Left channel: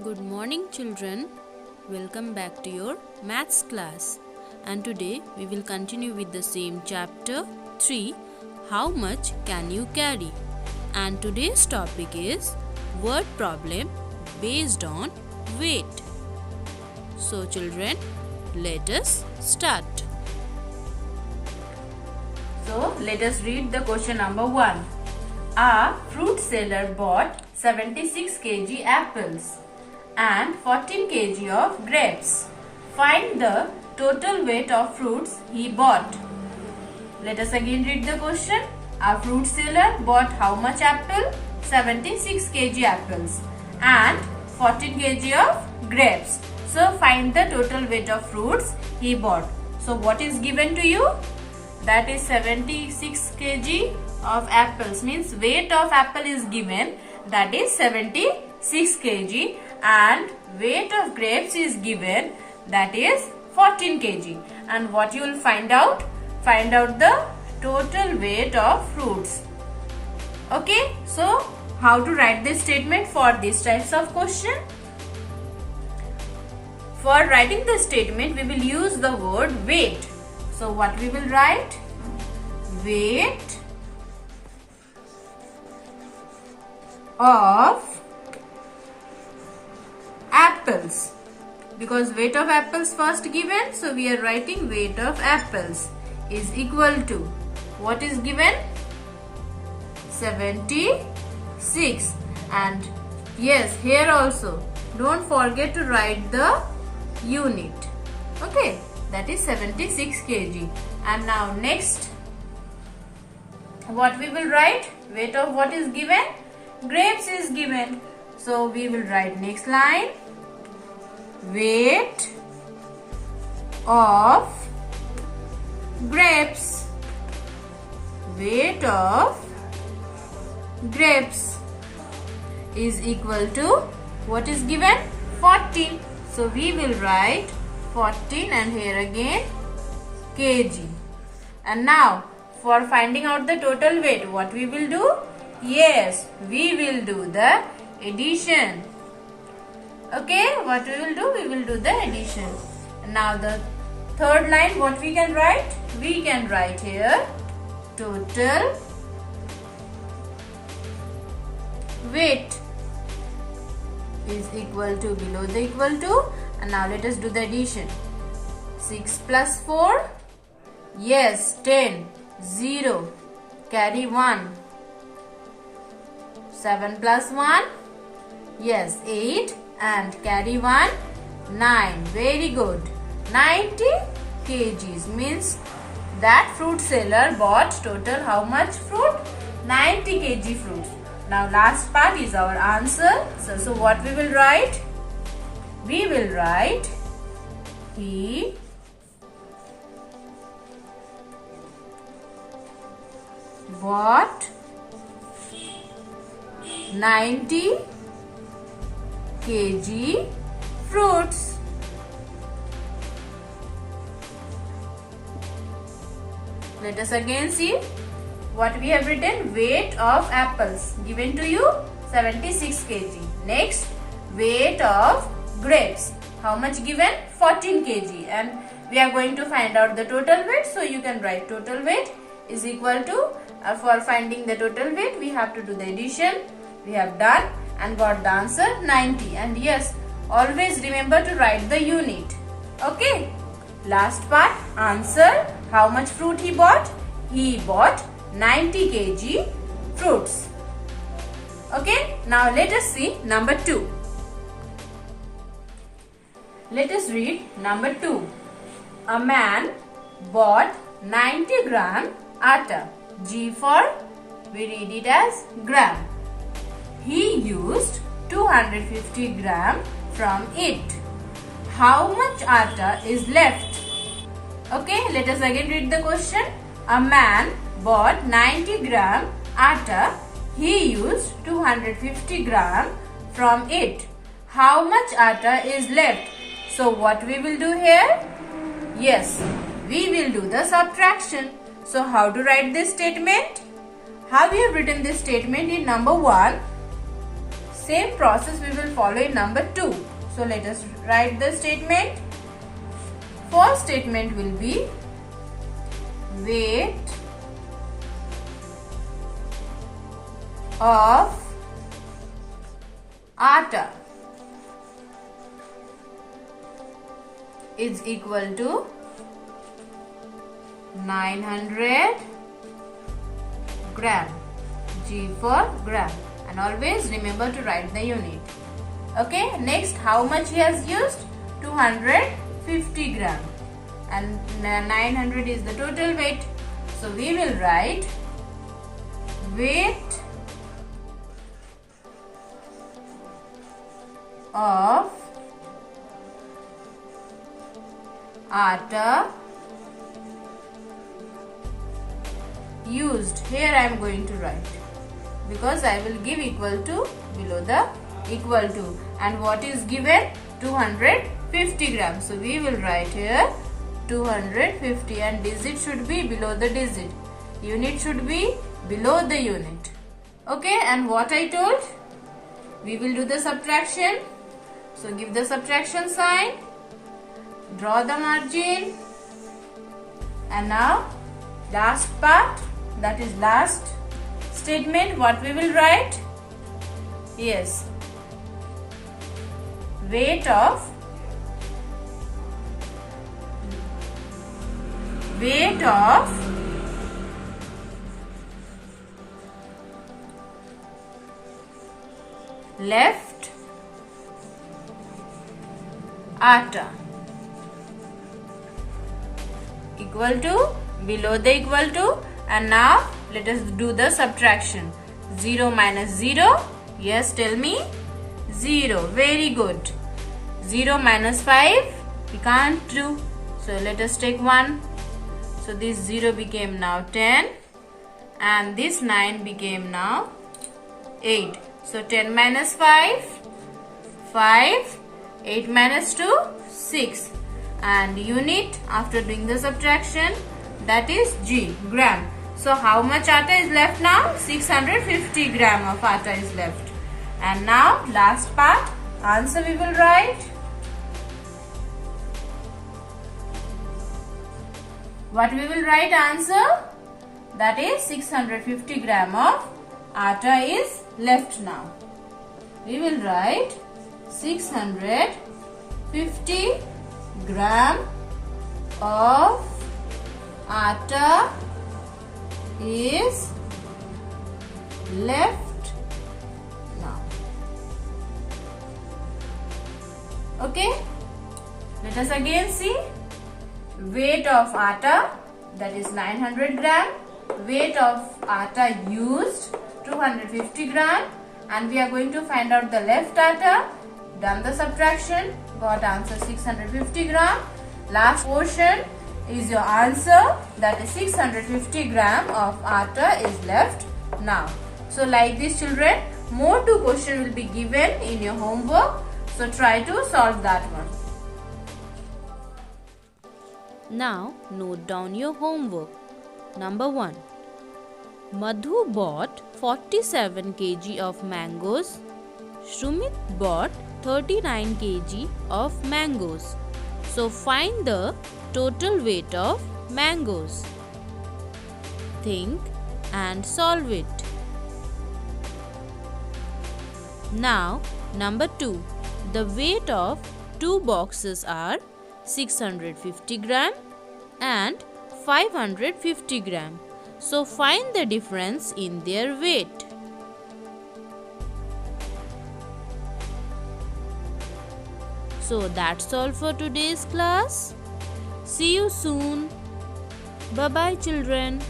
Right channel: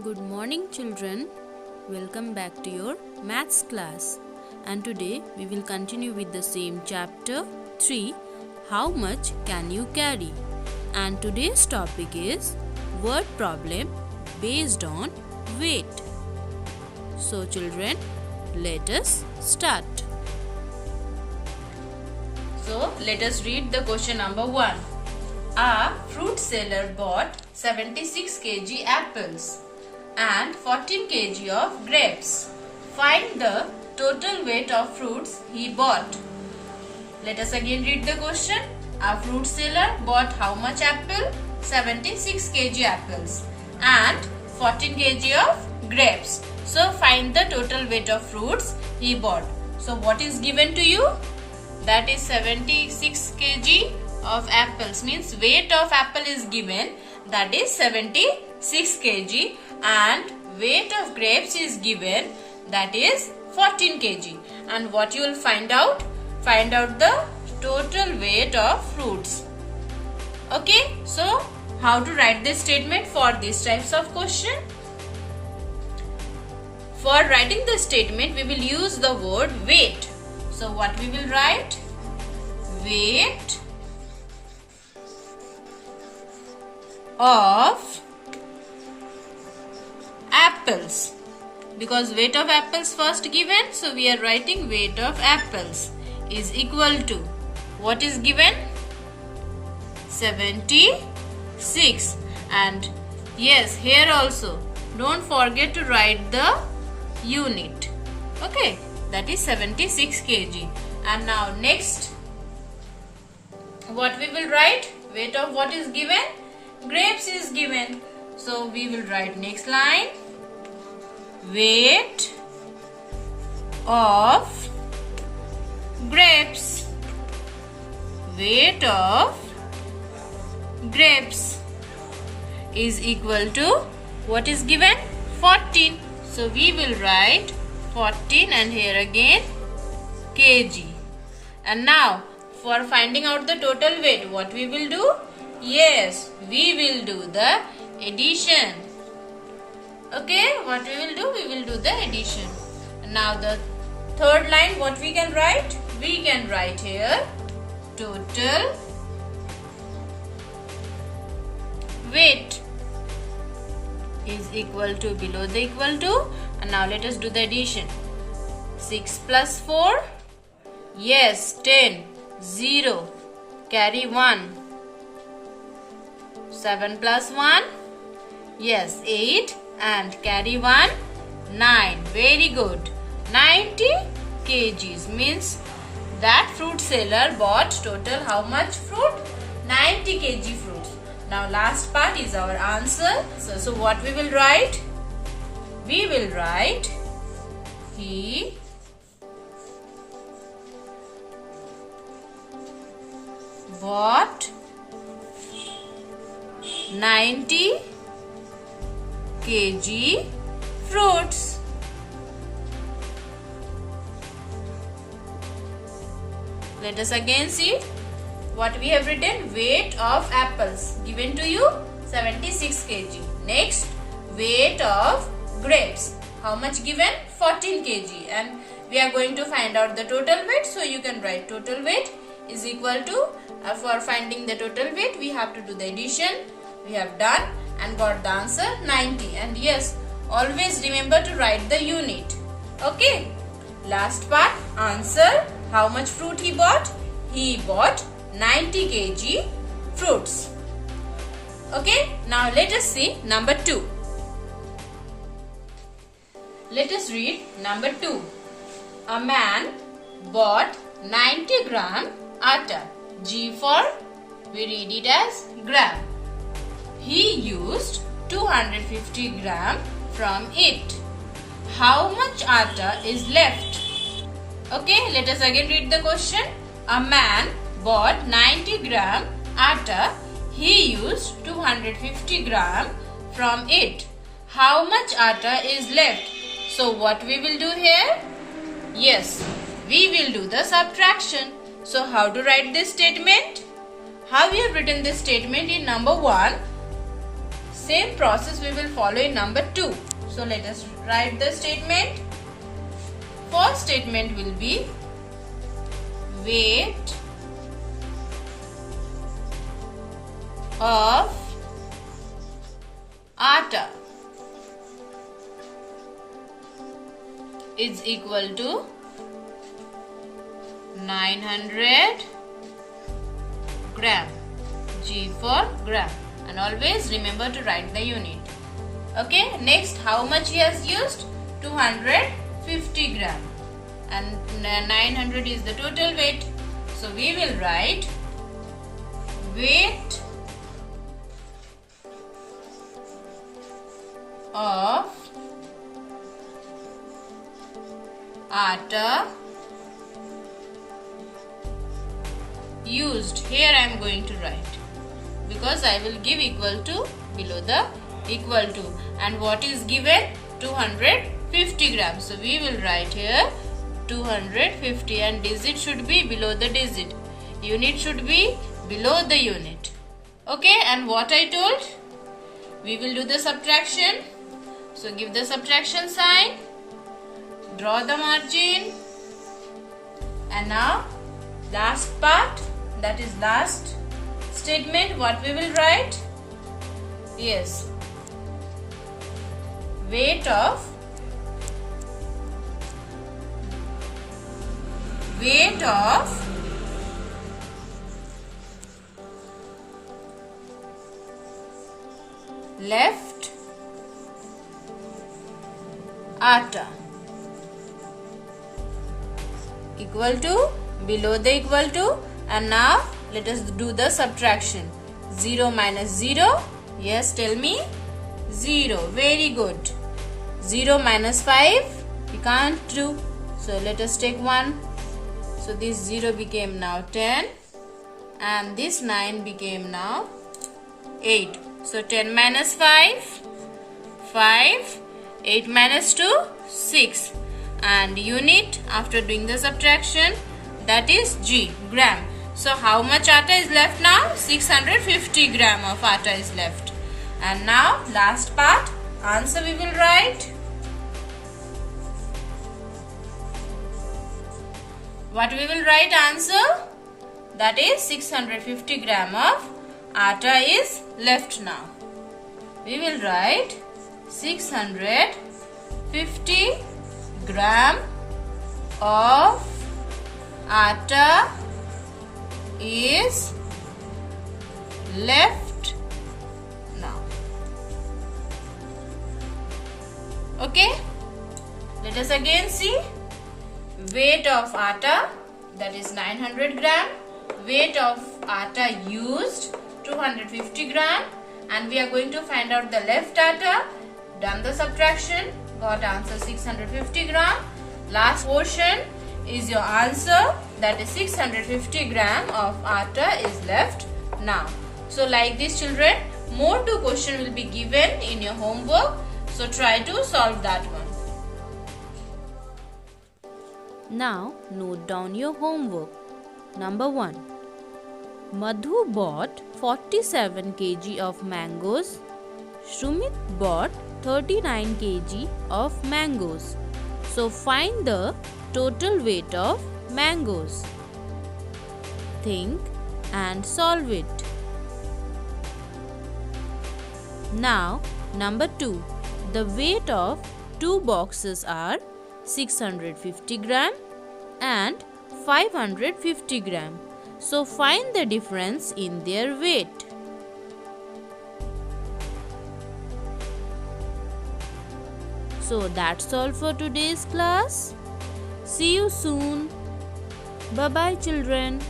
Good morning, children. Welcome back to your maths class. And today we will continue with the same chapter 3, How much can you carry? And today's topic is word problem based on weight. So, children, let us start. So, let us read the question number 1. A fruit seller bought 76 kg apples and 14 kg of grapes. Find the total weight of fruits he bought. Let us again read the question. A fruit seller bought how much apple? 76 kg apples and 14 kg of grapes. So find the total weight of fruits he bought. So what is given to you? That is 76 kg of apples, means weight of apple is given, that is 76 kg, and weight of grapes is given, that is 14 kg. And what you will find out? Find out the total weight of fruits. Okay, so how to write this statement for these types of question? For writing the statement, we will use the word weight. So what we will write? Weight of apples, because weight of apples first given, so we are writing weight of apples is equal to what is given? 76. And yes, here also don't forget to write the unit. Okay, that is 76 kg. And now next, what we will write? Weight of what is given? Grapes is given. So we will write next line. Weight of grapes. Weight of grapes is equal to what is given? 14. So we will write 14 and here again kg. And now for finding out the total weight, what we will do? Yes, we will do the addition. Okay, what we will do? We will do the addition. And now the third line, what we can write? We can write here total weight is equal to, below the equal to, and now let us do the addition. 6 plus 4, yes, 10, 0, carry 1. 7 plus 1, yes, 8, and carry 1, 9. Very good. 90 kgs means that fruit seller bought total how much fruit? 90 kg fruits. Now last part is our answer. So what we will write? We will write he bought 90 kg fruits. Let us again see what we have written. Weight of apples given to you 76 kg. Next, weight of grapes. How much given? 14 kg. And we are going to find out the total weight. So you can write total weight is equal to, for finding the total weight, we have to do the addition. We have done and got the answer 90. And yes, always remember to write the unit. Okay. Last part, answer. How much fruit he bought? He bought 90 kg fruits. Okay. Now let us see number 2. Let us read number 2. A man bought 90 gram atta. G for, we read it as gram. He used 250 gram from it. How much atta is left? Okay, let us again read the question. A man bought 90 gram atta. He used 250 gram from it. How much atta is left? So what we will do here? Yes, we will do the subtraction. So how to write this statement? How we have written this statement in number 1? Same process we will follow in number 2. So let us write the statement. First statement will be weight of atta is equal to 900 gram. G for gram. And always remember to write the unit. Okay, next, how much he has used? 250 gram. And 900 is the total weight. So we will write weight of atta used. Here I am going to write, because I will give equal to below the equal to, and what is given? 250 grams. So we will write here 250, and digit should be below the digit. Unit should be below the unit. Okay, and what I told? We will do the subtraction. So give the subtraction sign, draw the margin, and now last part, that is last statement, what we will write? Yes, weight of left atta equal to below the equal to, and now let us do the subtraction. 0 minus 0, yes, tell me. 0, very good. 0 minus 5, we can't do, so let us take 1. So this 0 became now 10, and this 9 became now 8. So 10 minus 5, 5, 8 minus 2, 6, and unit after doing the subtraction, that is G, gram. So how much atta is left now? 650 gram of atta is left. And now last part, answer we will write. What we will write answer? That is 650 gram of atta is left now. We will write 650 gram of atta is left now. Okay, let us again see. Weight of atta, that is 900 gram. Weight of atta used, 250 gram. And we are going to find out the left atta. Done the subtraction, got answer 650 gram. Last portion is your answer, that is 650 gram of atta is left now. So like this children, more 2 questions will be given in your homework. So try to solve that one. Now note down your homework. Number 1. Madhu bought 47 kg of mangoes. Shumit bought 39 kg of mangoes. So find the total weight of mangoes. Think and solve it. Now number 2. The weight of 2 boxes are 650 gram and 550 gram. So find the difference in their weight. So that's all for today's class. See you soon. Bye bye children.